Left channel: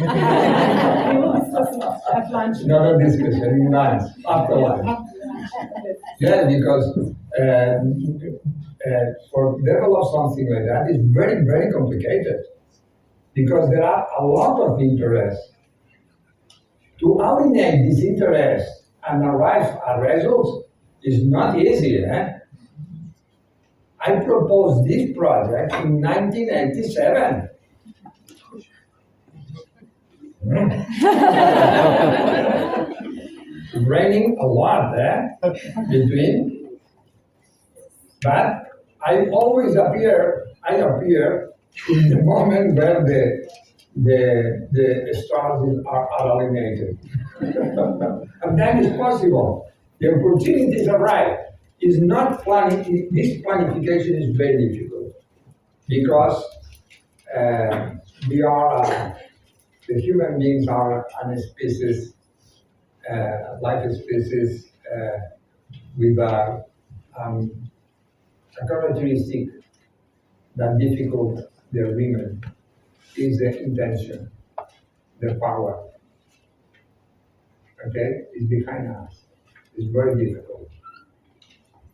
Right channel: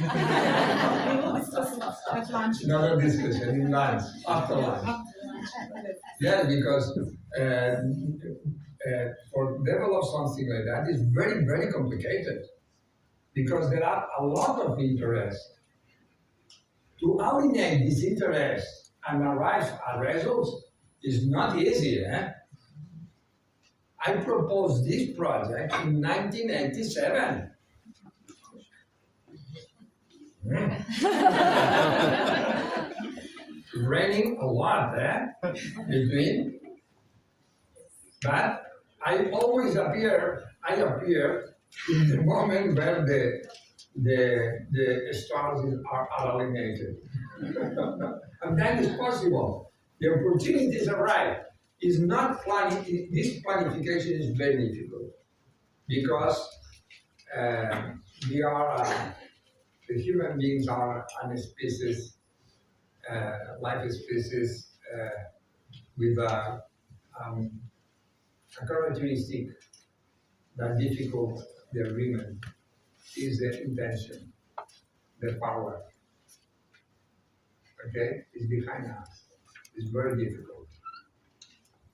We will discuss it at lunch. Another discussion in lunch, after lunch. Yeah, because for develop something like that is very, very complicated. Because there are a lot of interests. To alienate this interest and arrive at results is not easy. I proposed this project in 1987. Raining a lot between, but I appear in the moment where the stars are alienated. And that is possible. The opportunities arrive. It's not planning. This planification is very difficult because we are the human beings are a species, life species with a characteristic that difficult the agreement is the intention, the power. Okay, it's behind us. It's very difficult.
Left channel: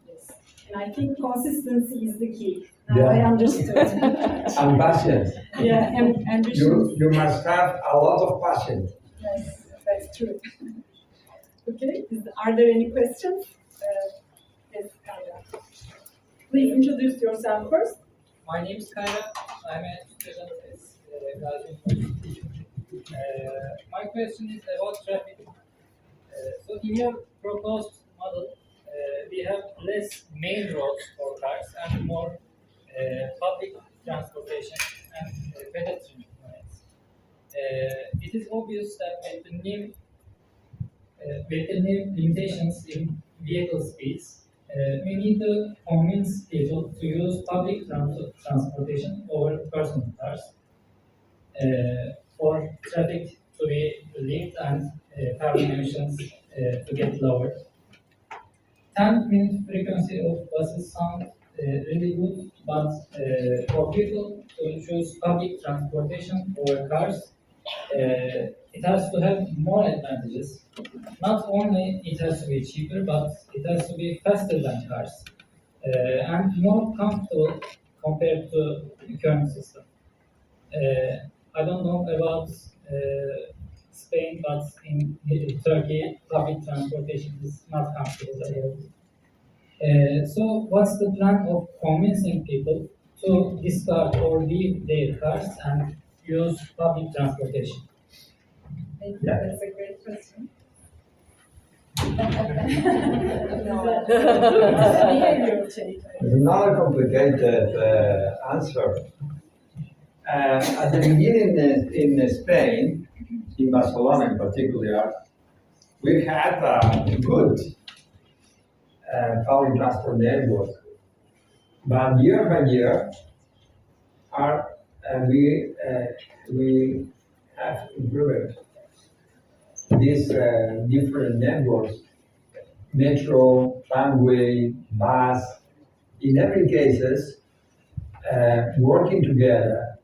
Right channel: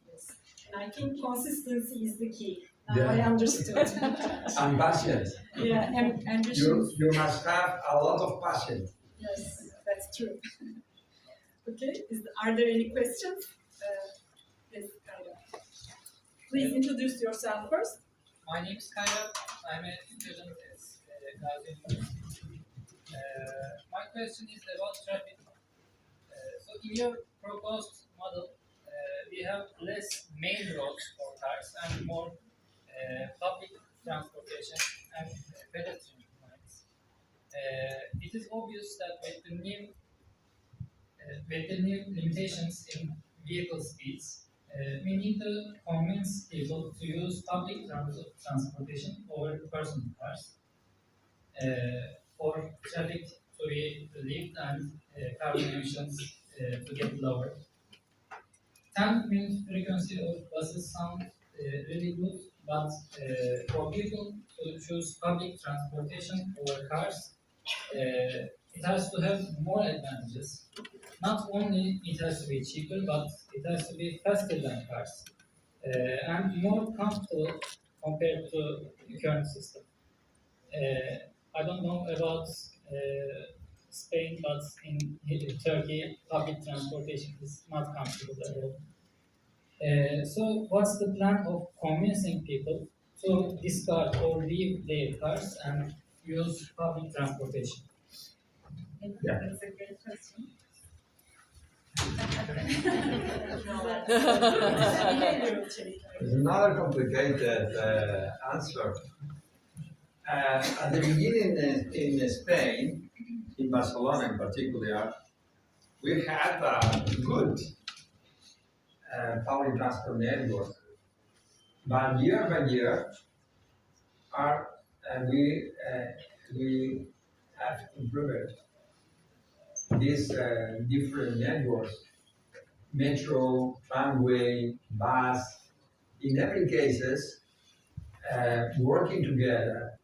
Yes, and I think consistency is the key. Now I understood. And passion. Yeah, and ambition. You must have a lot of passion. Yes, that's true. Okay, are there any questions? Yes, Kayra. Please introduce yourself first. My name is Kayra. I'm a student at Gazi University. My question is about traffic. So in your proposed model, we have less main roads for cars and more public transportation and pedestrian lines. It is obvious that with the new limitations in vehicle speeds, we need to convince people to use public transportation over personal cars for traffic to be relieved and carbon emissions to get lower. 10-minute frequency of buses sound really good, but for people to choose public transportation over cars, it has to have more advantages. Not only it has to be cheaper, but it has to be faster than cars and more comfortable compared to the current system. I don't know about Spain, but in Turkey, public transportation is not comfortable at all. So what's the plan of convincing people to discard or leave their cars and use public transportation? Thank you. That's a great question. It's another complicated answer. At the beginning in Spain, in Barcelona in particular, we had a good public transport network. But year by year, we have improved these different networks, metro, tramway, bus, in every cases, working together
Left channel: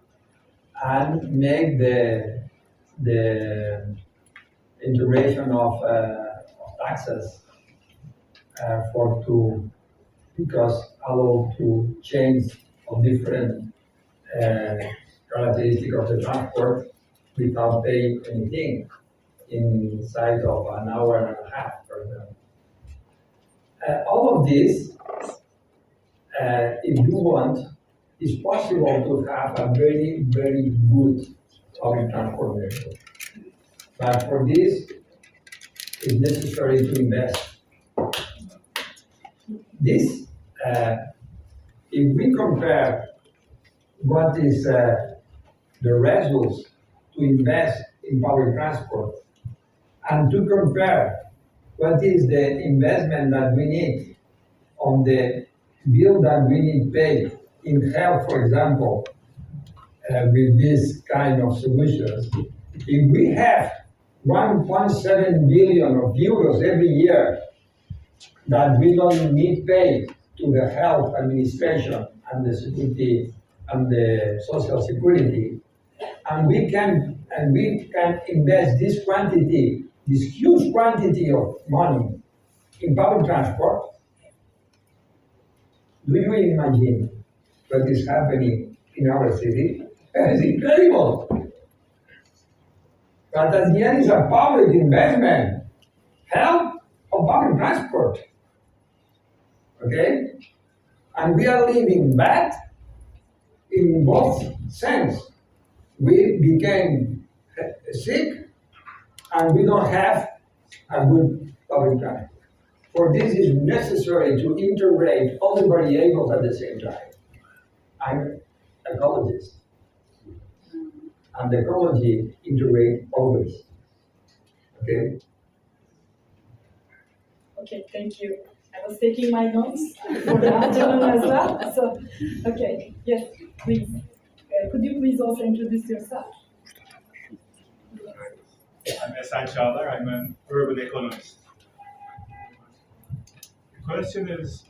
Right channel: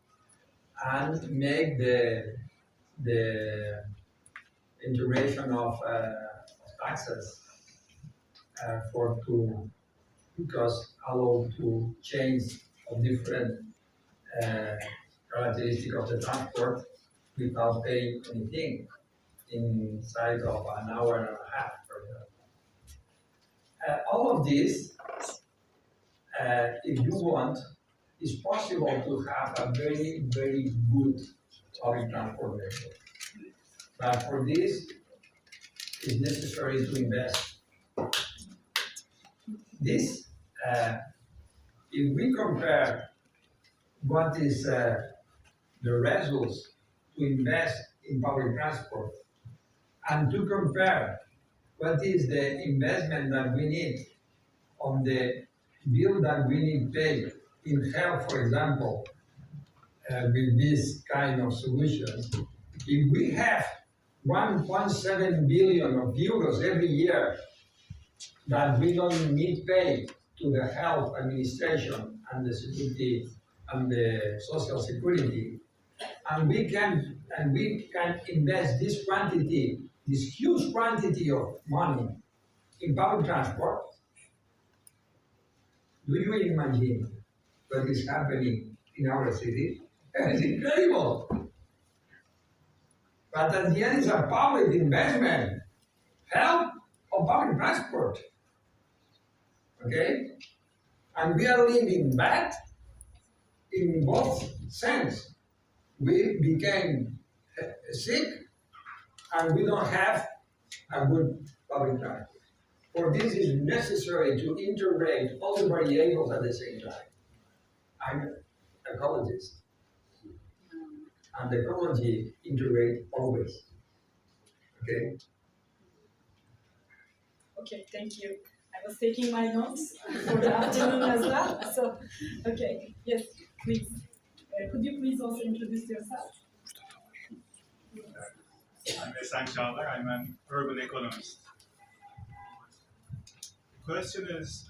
and make the integration of taxes because allow to change of different characteristics of the transport without paying anything inside of an hour and a half, for example. All of this, if you want, is possible to have a very, very good public transport network. But for this, it's necessary to invest. This, if we compare what is the results to invest in public transport and to compare what is the investment that we need on the bill that we need to pay in health, for example, with this kind of solutions, if we have 1.7 billion of euros every year that we don't need pay to the health administration and the security and the social security, and we can and we can invest this quantity, this huge quantity of money in public transport, do you imagine what is happening in our city? It's incredible. But at the end, it's a public investment, help of public transport. Okay? And we are living bad in both sense. We became sick and we don't have a good public transport. For this is necessary to integrate all the variables at the same time. I'm ecologist. And ecology integrate always. Okay? Okay, thank you. I was taking my notes for the afternoon as well. So, okay, yes, please. Could you please also introduce yourself? I'm İTŞKV. I'm an urban economist. The question is,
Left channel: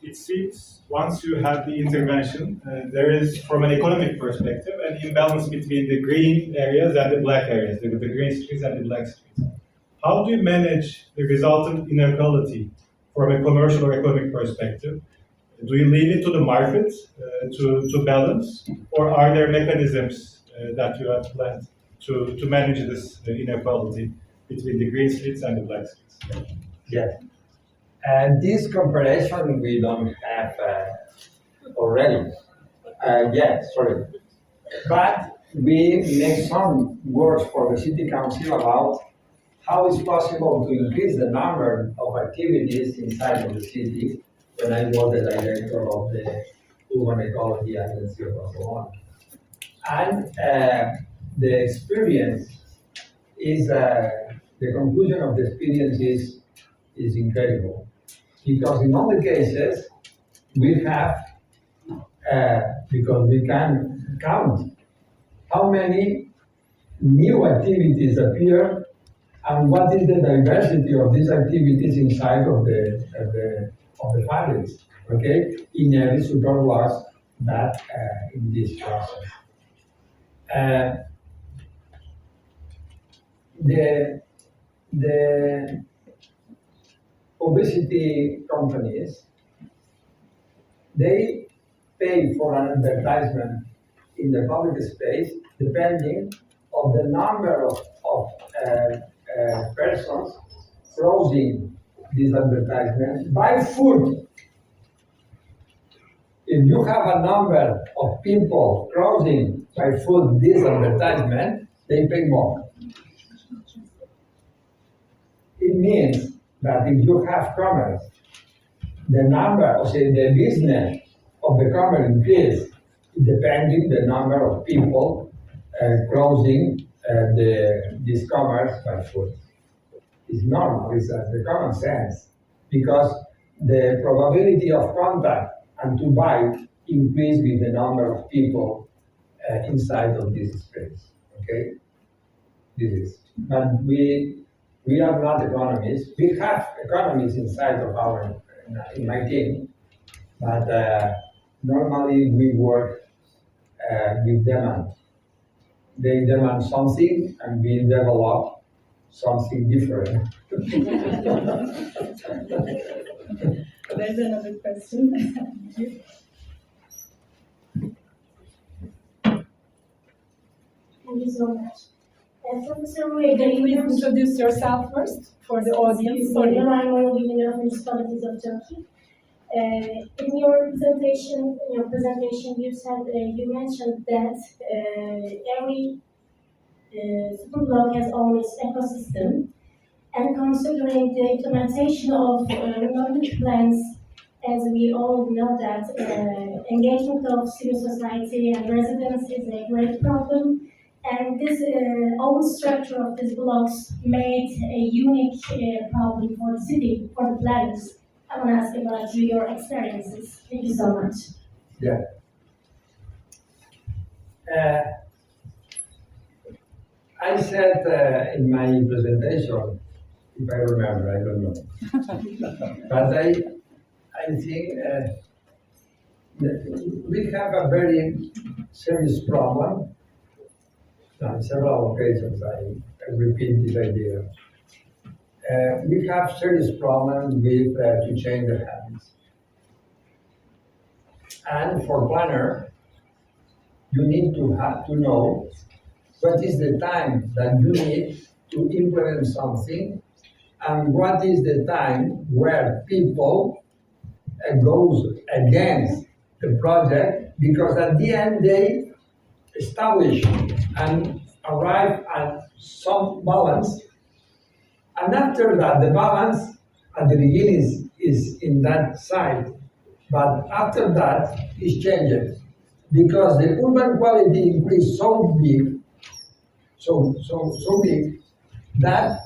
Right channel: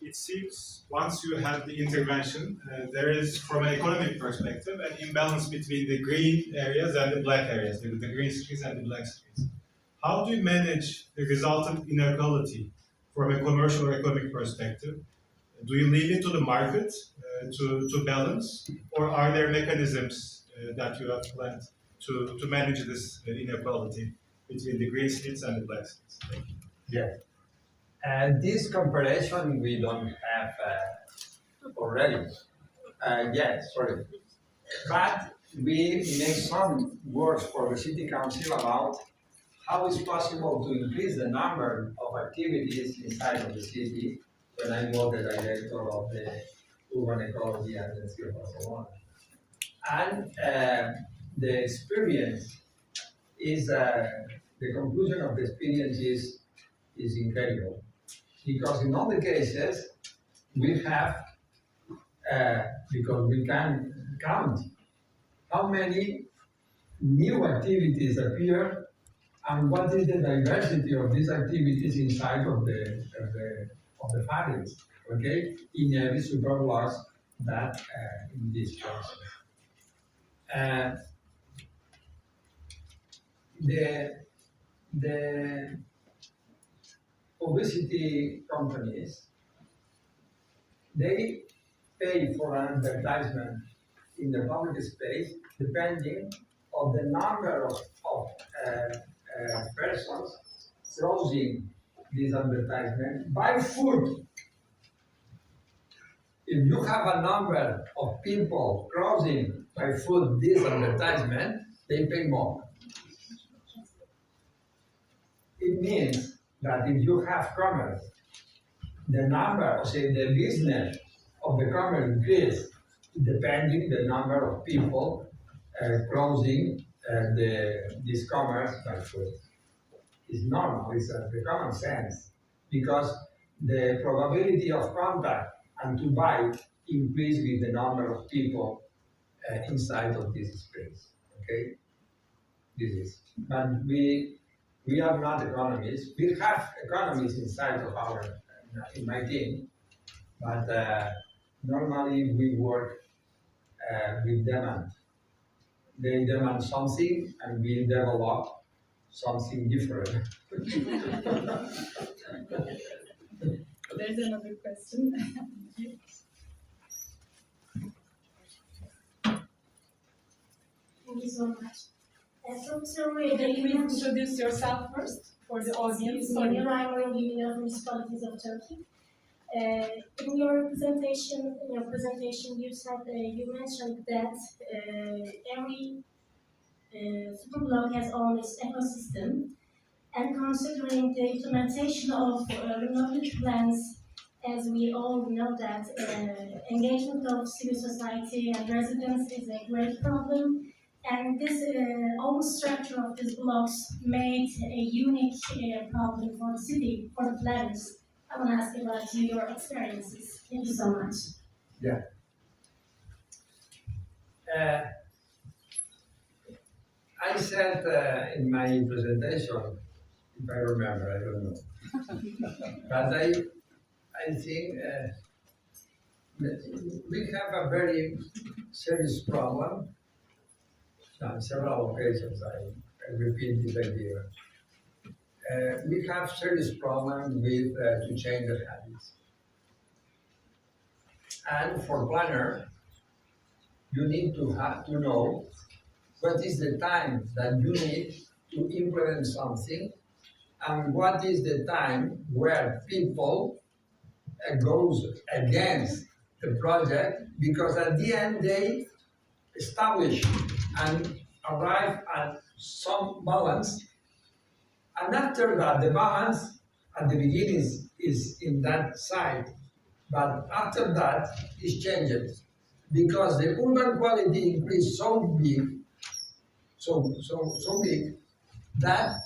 it seems once you have the intervention, there is, from an economic perspective, an imbalance between the green areas and the black areas, the green streets and the black streets. How do you manage the resultant inequality from a commercial or economic perspective? Do you leave it to the market to balance, or are there mechanisms that you have planned to manage this inequality between the green streets and the black streets? Yes. And this comparison we don't have already. Sorry. But we make some works for the city council about how it's possible to increase the number of activities inside of the city when I was the director of the Urban Ecology Agency of Barcelona. And the experience is, the conclusion of the experience is incredible. Because in all the cases, we have, because we can count how many new activities appear and what is the diversity of these activities inside of the fabrics, okay? In every superblocks that in this process. The publicity companies, they pay for an advertisement in the public space depending on the number of persons crossing this advertisement by foot. If you have a number of people crossing by foot this advertisement, they pay more. It means that if you have commerce, the number, or say the business of the commerce increase depending the number of people crossing this commerce by foot. It's normal, it's the common sense, because the probability of contact and to buy increase with the number of people inside of this space, okay? This is, but we are not economists. We have economists inside of in my team, but normally we work with demand. They demand something and we develop something different. There's another question. Thank you. Thank you so much. Professor Could Rueda, you please introduce yourself first for the audience? Sorry. I'm one of the municipalities of Turkey. In your presentation, you said you mentioned that every superblock has own its ecosystem, and considering the implementation of remote plans, as we all know that engagement of civil society and residents is a great problem, and this own structure of these blocks made a unique problem for the city, for the planners. I want to ask about your experiences. Thank you so much. Yeah. I said in my presentation, if I remember, I don't know. But I think that we have a very serious problem On several occasions, I repeat this idea. We have serious problems with to change the habits. And for planner, you need to have to know what is the time that you need to implement something, and what is the time where people goes against the project, because at the end they establish and arrive at some balance, and after that the balance at the beginning is in that side, but after that is changed because the urban quality increased so big, so big that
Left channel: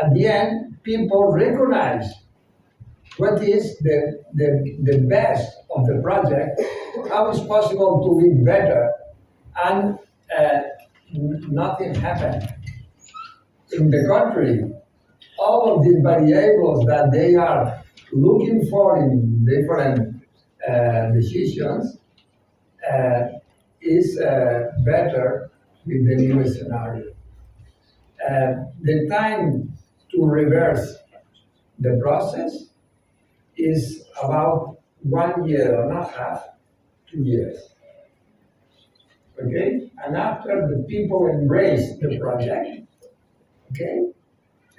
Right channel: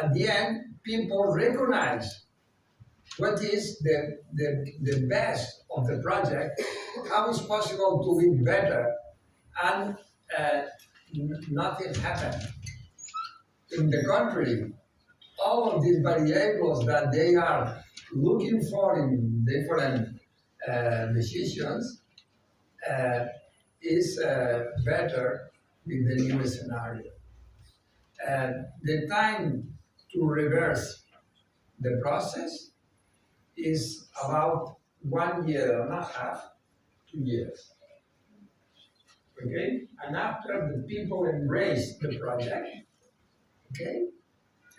at the end people recognize what is the best of the project, how it's possible to be better, and nothing happened. In the contrary, all of these variables that they are looking for in different decisions is better with the new scenario. The time to reverse the process is about 1.5 years, 2 years. Okay? And after the people embrace the project, okay?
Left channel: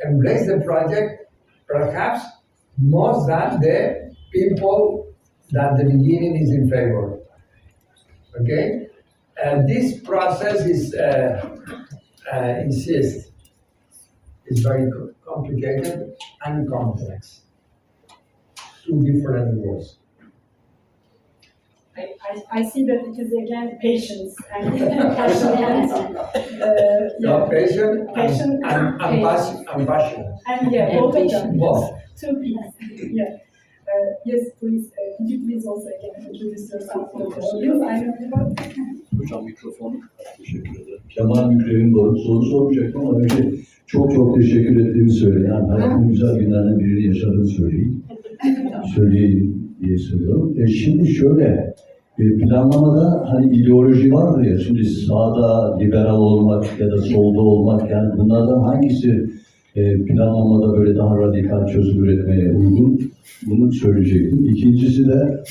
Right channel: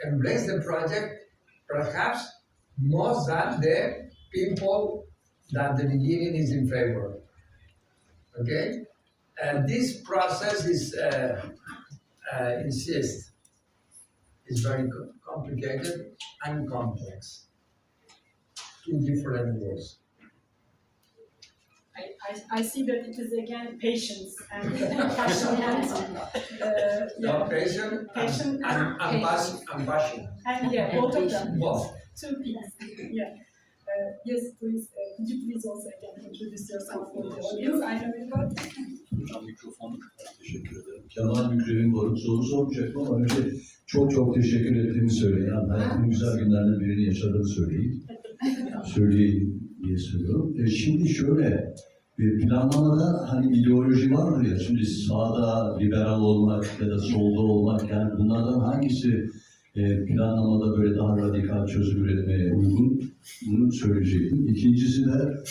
Embrace the project, perhaps more than the people that the beginning is in favor. Okay? And this process is insist. It's very complicated and complex. Two different words. I see that it is again patience and passion. No, patient and passion. And yeah, both of them. Both. Two P's. Yeah. Yes, please. Could you please also again introduce yourself for the audience? I know about. Hocam mikrofon. Teşekkür ederim. Kemal Mükremin Barut soru sormayacaktım ama önce çok teşekkür ettiğimi söyleyin. Yani hayatımın güzel günlerinden birini yaşadığını söyleyeyim diye söylüyorum. Şimdi şöyle, planlamada hani ideoloji vardır ya, şimdi sağda liberal olmak ya da solda olmak, yani bunlardan hangisi planlamada böyle daha radikal çözüm üretmeye uygun, bunu söyleyecektim. İkincisi de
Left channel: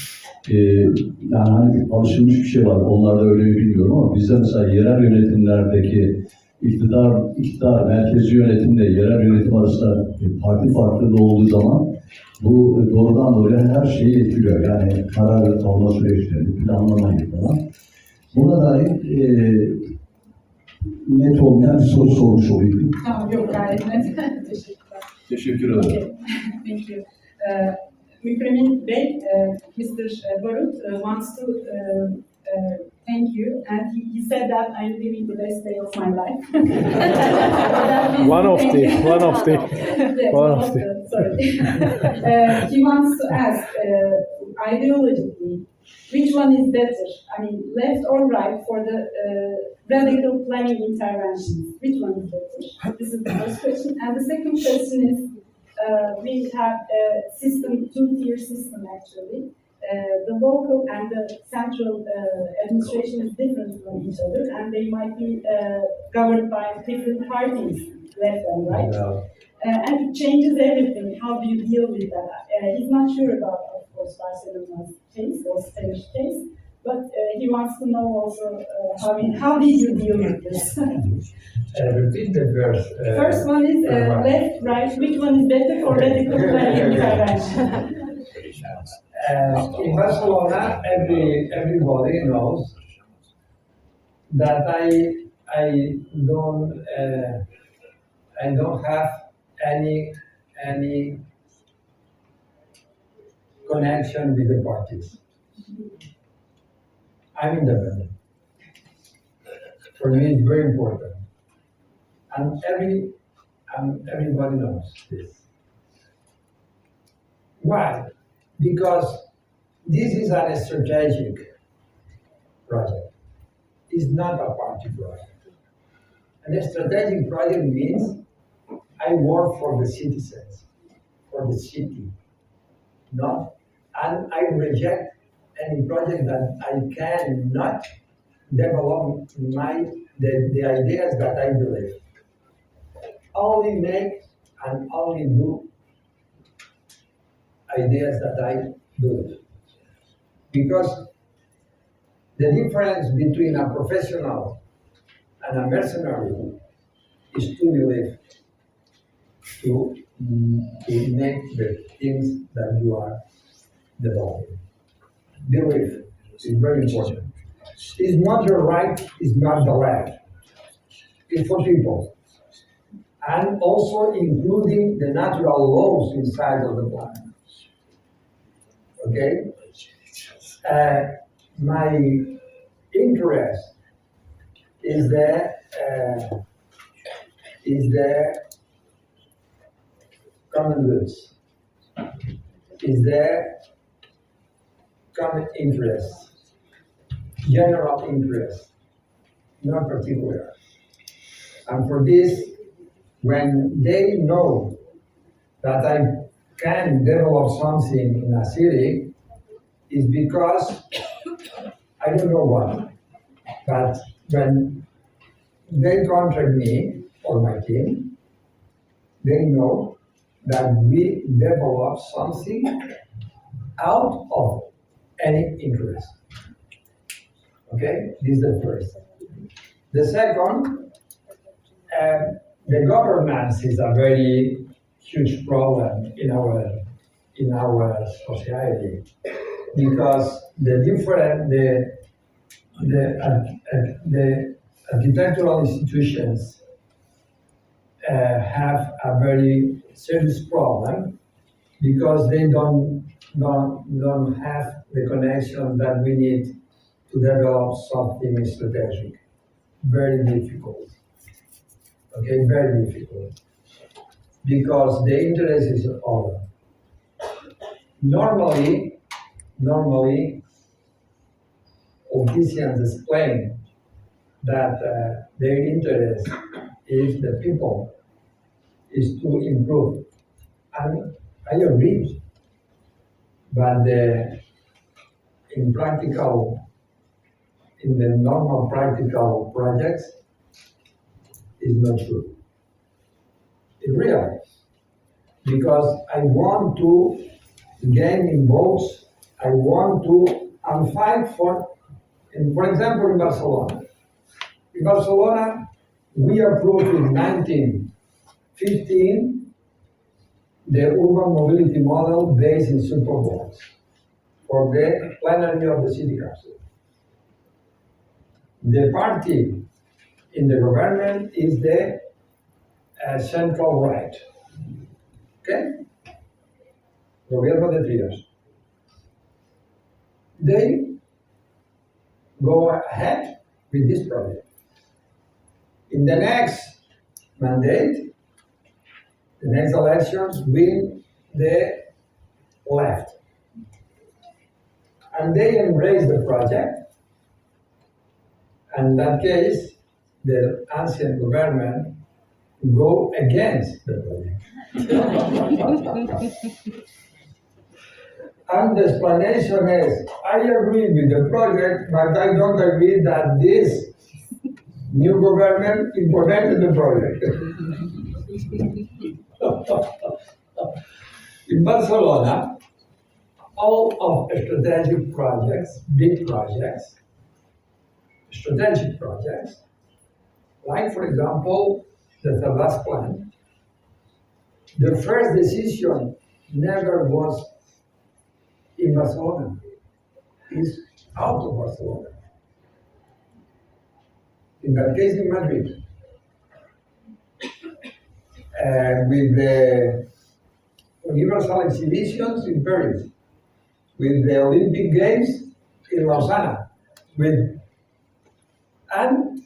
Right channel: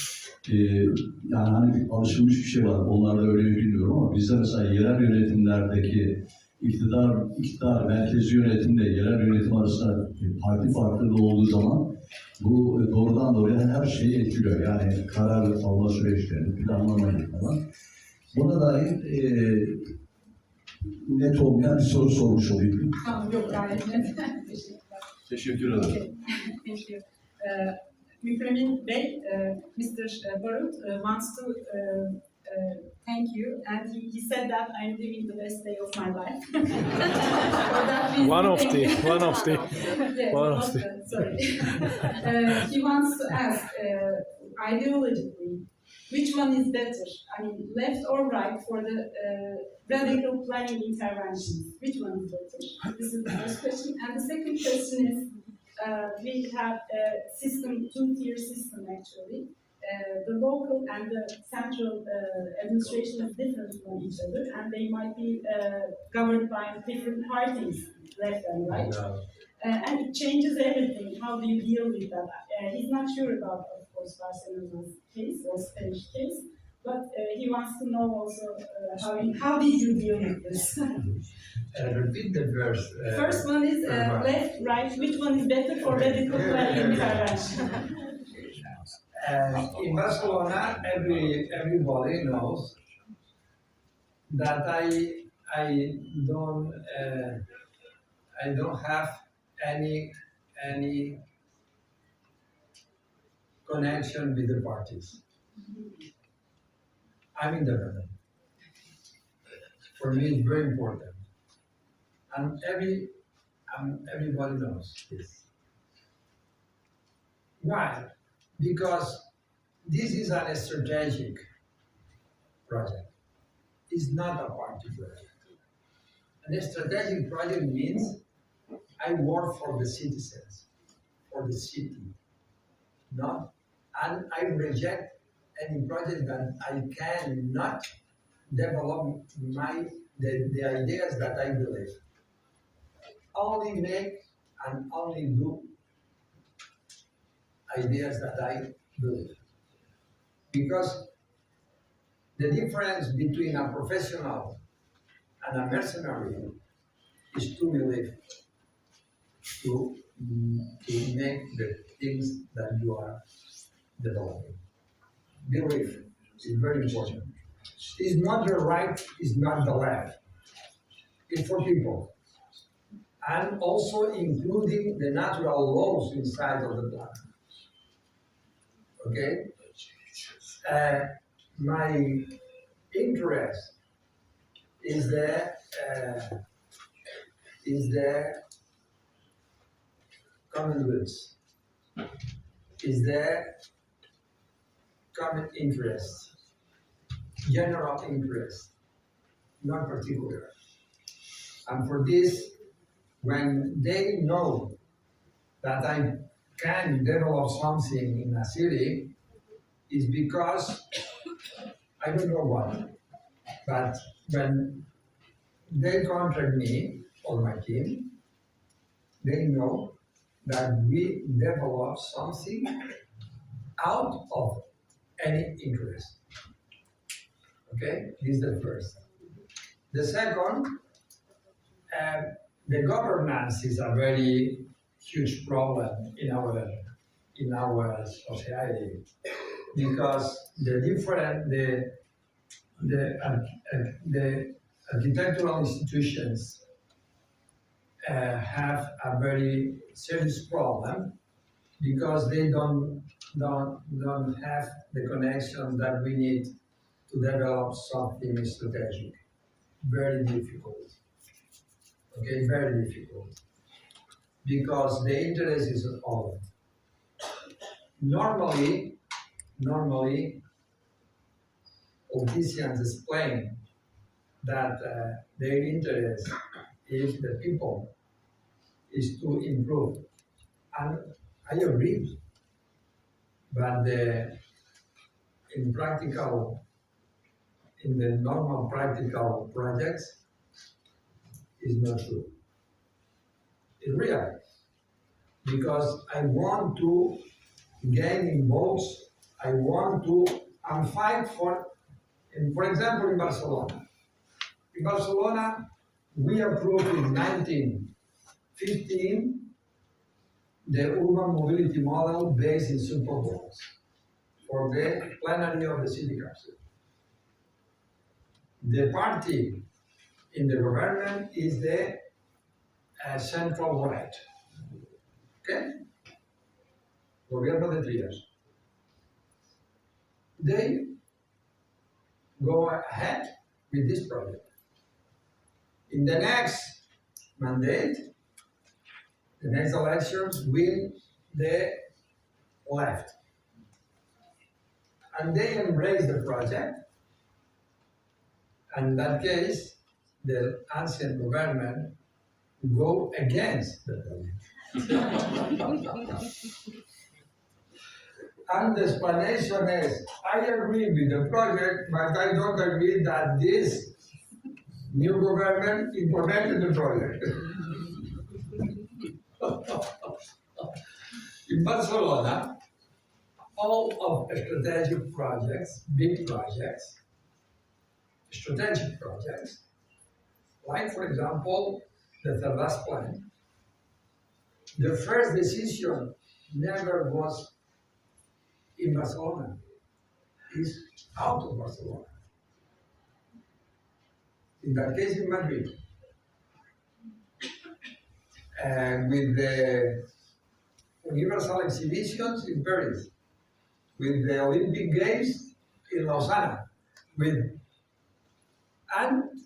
yani hani alışılmış bir şey var, onlarda öyle mi bilmiyorum ama bizde mesela yerel yönetimlerdeki iktidar merkezi yönetimle yerel yönetim arasında parti farklılığı olduğu zaman bu doğrudan doğruya her şeyi etkiliyor. Yani karar alma süreçlerini, planlamayı falan. Buna dair net olmayan bir soru sormuş olayım. Tamam, yok gayet net. Teşekkürler. Teşekkür ederim. Okay. Thank you. Mükremin Bey, Mr. Barut wants to thank you, and he said that I'm living the best day of my life. One of the. Yes, sorry. He wants to ask, ideologically, which one is better? I mean, left or right for the radical planning interventions? Which one is better? This is the first question. And the second question is, we have a system, two-tier system actually. The local and the central administration is different from each other, and they might be governed by different parties, left and right. No. And it changes everything. How do you deal with that? He's not sure about, of course, Barcelona's case or Spanish case, but he wants to know also how did you deal with this? Repeat the verse. First one is left, right. Which one is better for radical planning intervention? In Barcelona, everybody knows that I don't have any connection with the parties. I'm independent. For me, it's very important, and everybody knows this. Why? Because this is a strategic project. It's not a party project. And a strategic project means I work for the citizens, for the city, and I reject any project that I cannot develop my the ideas that I believe. Only make and only do ideas that I believe. Because the difference between a professional and a mercenary is to believe, to make the things that you are developing. Belief is very important. It's not the right, it's not the left. It's for people. And also including the natural laws inside of the planet. Okay? My interest is the common goods, is the common interest, general interest, not particular. And for this, when they know that I can develop something in a city, is because I don't know what, but when they contract me or my team, they know that we develop something out of any interest. Okay, this is the first. The second, the governance is a very huge problem in our society, because the architectural institutions have a very serious problem because they don't have the connections that we need to develop something strategic. Very difficult. Okay, very difficult. Because the interest is over. Normally, politicians explain that their interest is the people, is to improve. And I agree. But in the normal practical projects, is not true. It's real. Because I want to gain in votes, I want to fight for example, in Barcelona. In Barcelona, we approved in 1915 the urban mobility model based in superblocks for the plenary of the city council. The party in the government is the central right. Okay? Gobierno de Trias. They go ahead with this project. In the next mandate, the next elections, win the left. And they embrace the project. And in that case, the ancient government go against the project. And the explanation is, I agree with the project, but I don't agree that this new government implemented the project. In Barcelona, all of strategic projects, big projects, strategic projects, like for example, the Salvador plant, the first decision never was in Barcelona, is out of Barcelona. In that case, in Madrid. With the Universal Exhibitions in Paris, with the Olympic Games in Lausanne, and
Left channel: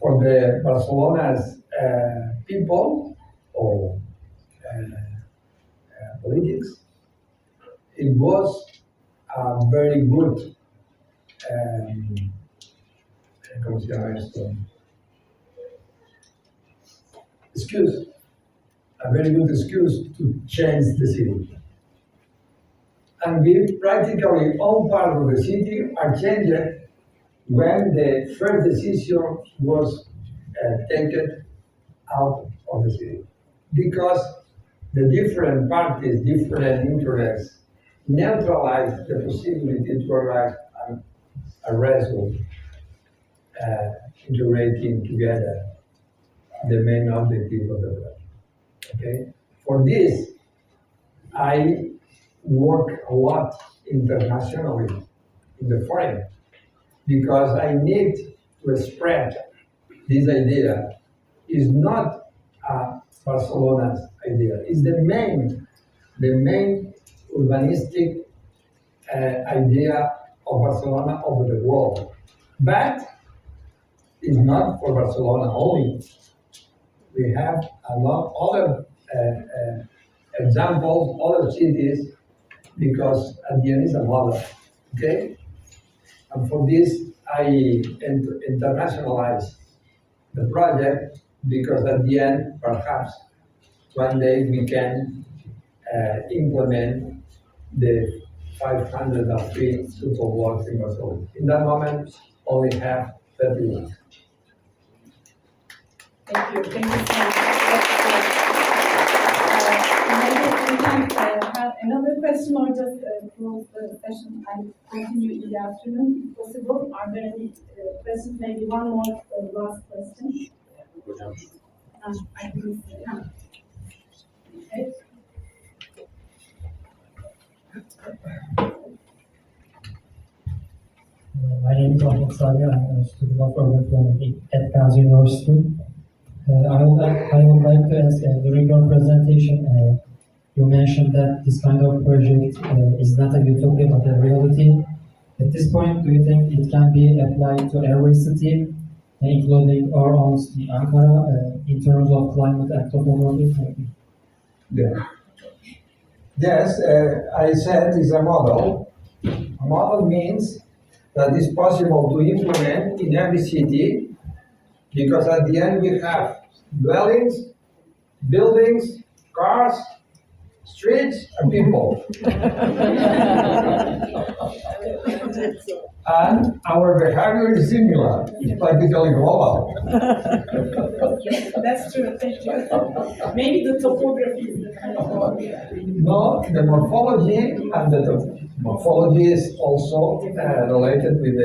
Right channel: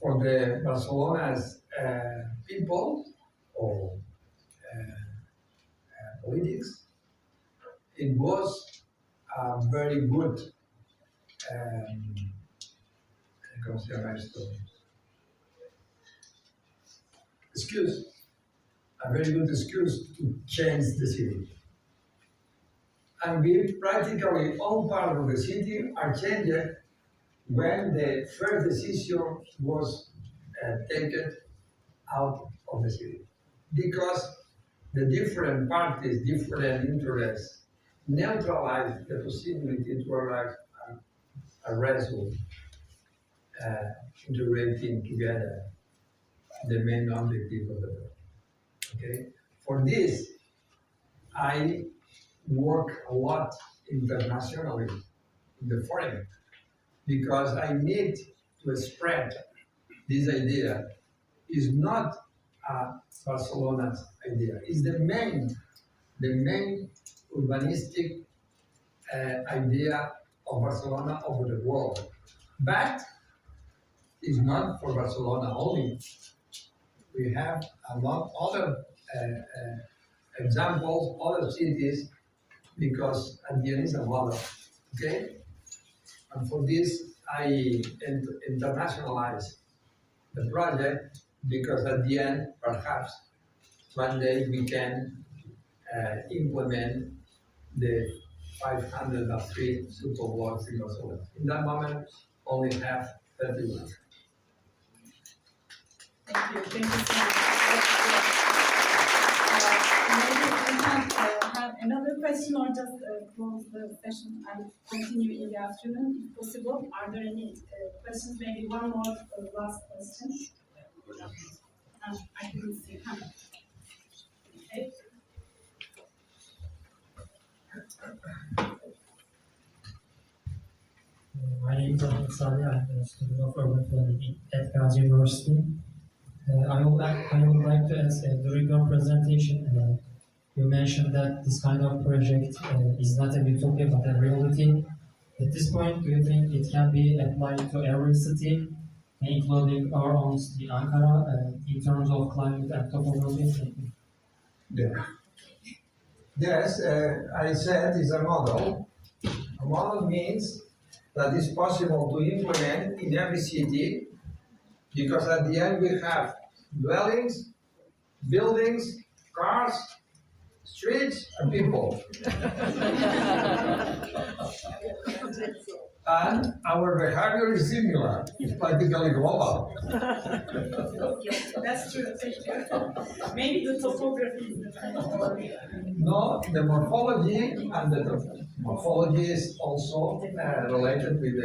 for the Barcelona's people or politics, it was a very good, ¿cómo se llama esto? Excuse, a very good excuse to change the city. And we practically all part of the city are changed when the first decision was taken out of the city. Because the different parties, different interests, neutralized the possibility to arrive at a result integrating together the main objective of the project. Okay? For this, I work a lot internationally in the foreign because I need to spread this idea. Is not Barcelona's idea. It's the main urbanistic idea of Barcelona over the world. But it's not for Barcelona only. We have a lot other examples, other cities, because at the end it's a model, okay? And for this, I internationalize the project because at the end, perhaps, one day we can implement the 503 super blocks in Barcelona. In that moment, only have 31. Thank you so much. Maybe we can have another question or just close the session and continue in the afternoon if possible. Are there any questions? Maybe one more last question. I didn't see. Okay. My name is Ahmet Salih. I'm a student of urban planning at Gazi University. I would like to ask, during your presentation, you mentioned that this kind of project is not a utopia but a reality. At this point, do you think it can be applied to every city, including our own city, Ankara, in terms of climate and topography? Yeah. Yes, I said it's a model. A model means that it's possible to implement in every city because at the end we have dwellings, buildings, cars, streets, and people. And our behavior is similar. It's practically global. Yes, that's true. Thank you. Maybe the topography is the kind of one. No, the morphology and the morphology is also related with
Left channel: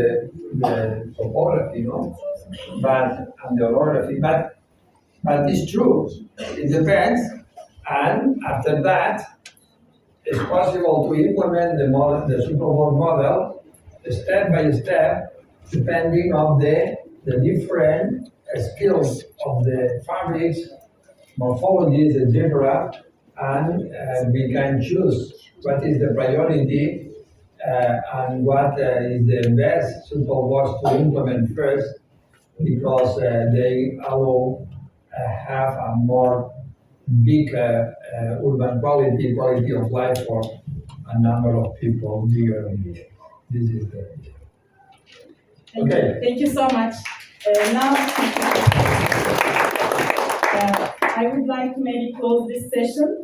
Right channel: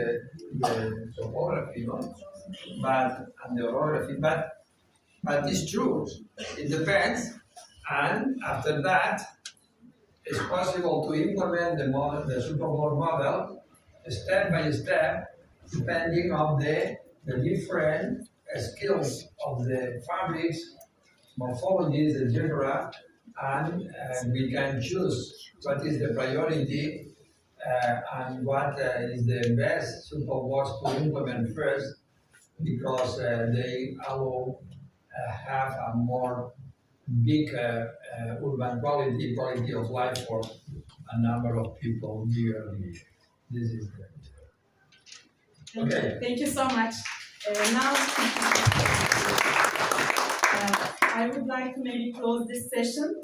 the topography, no? And the orography, but it's true. It depends, and after that, it's possible to implement the model, the superboard model, step by step, depending on the different skills of the fabrics, morphologies, etc. And we can choose what is the priority and what is the best superboards to implement first, because they allow have a more big urban quality of life for a number of people bigger and bigger. This is the okay. Thank you so much. Now, I would like to maybe close this session.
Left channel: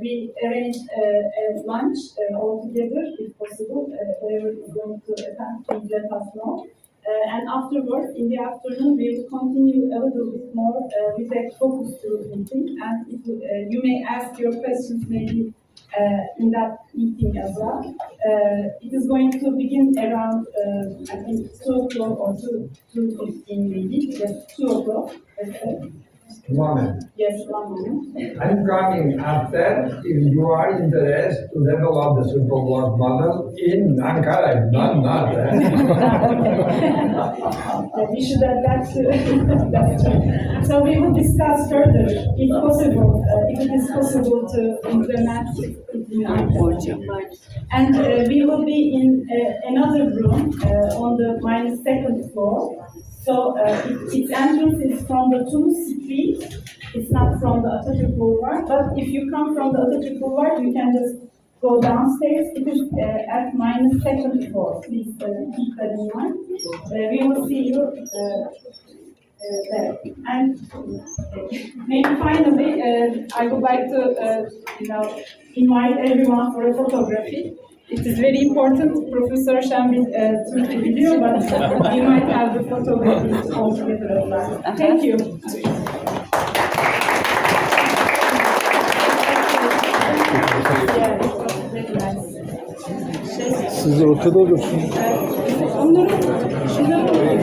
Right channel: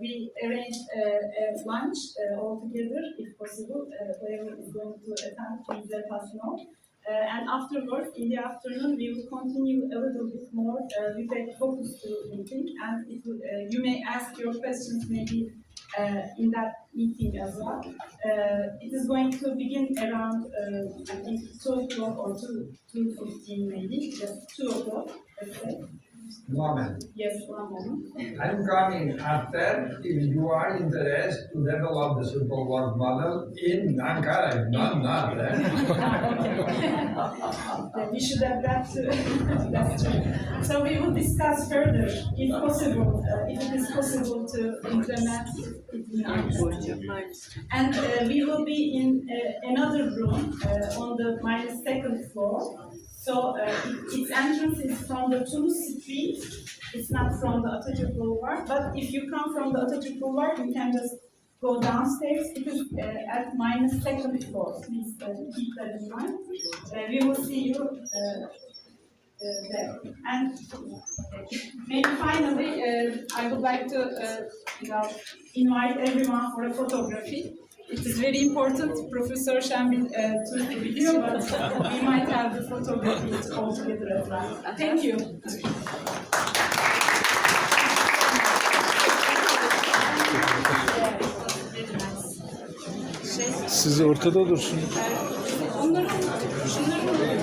We arranged a lunch all together, if possible. Whoever is going to attend, please let us know. And afterwards, in the afternoon, we will continue a little bit more with a focus group meeting. And you may ask your questions maybe in that meeting as well. It is going to begin around, I think, 2 o'clock or 2:15 maybe, just 2 o'clock, let's say. Moment. Yes, 1 moment. I'm coming after if you are interested to develop the superboard model in Ankara, not. We should add that too. That's true. So we will discuss further, if possible, if it is possible to implement it in Ankara. And we will be in another room on the -2nd floor. So its entrance is from the Tunus Street. It's not from the Atatürk Boulevard. But if you come from the Atatürk Boulevard, you can just go downstairs. It is at -2nd floor. Please keep that in mind. We will see you there. And maybe finally, I would like to invite everyone for a photography. It is very important. Professor Şenbil Türk biliyor, but we might have the photo with it all together as well. Thank you. Siz ortada dursun. Onları, şunları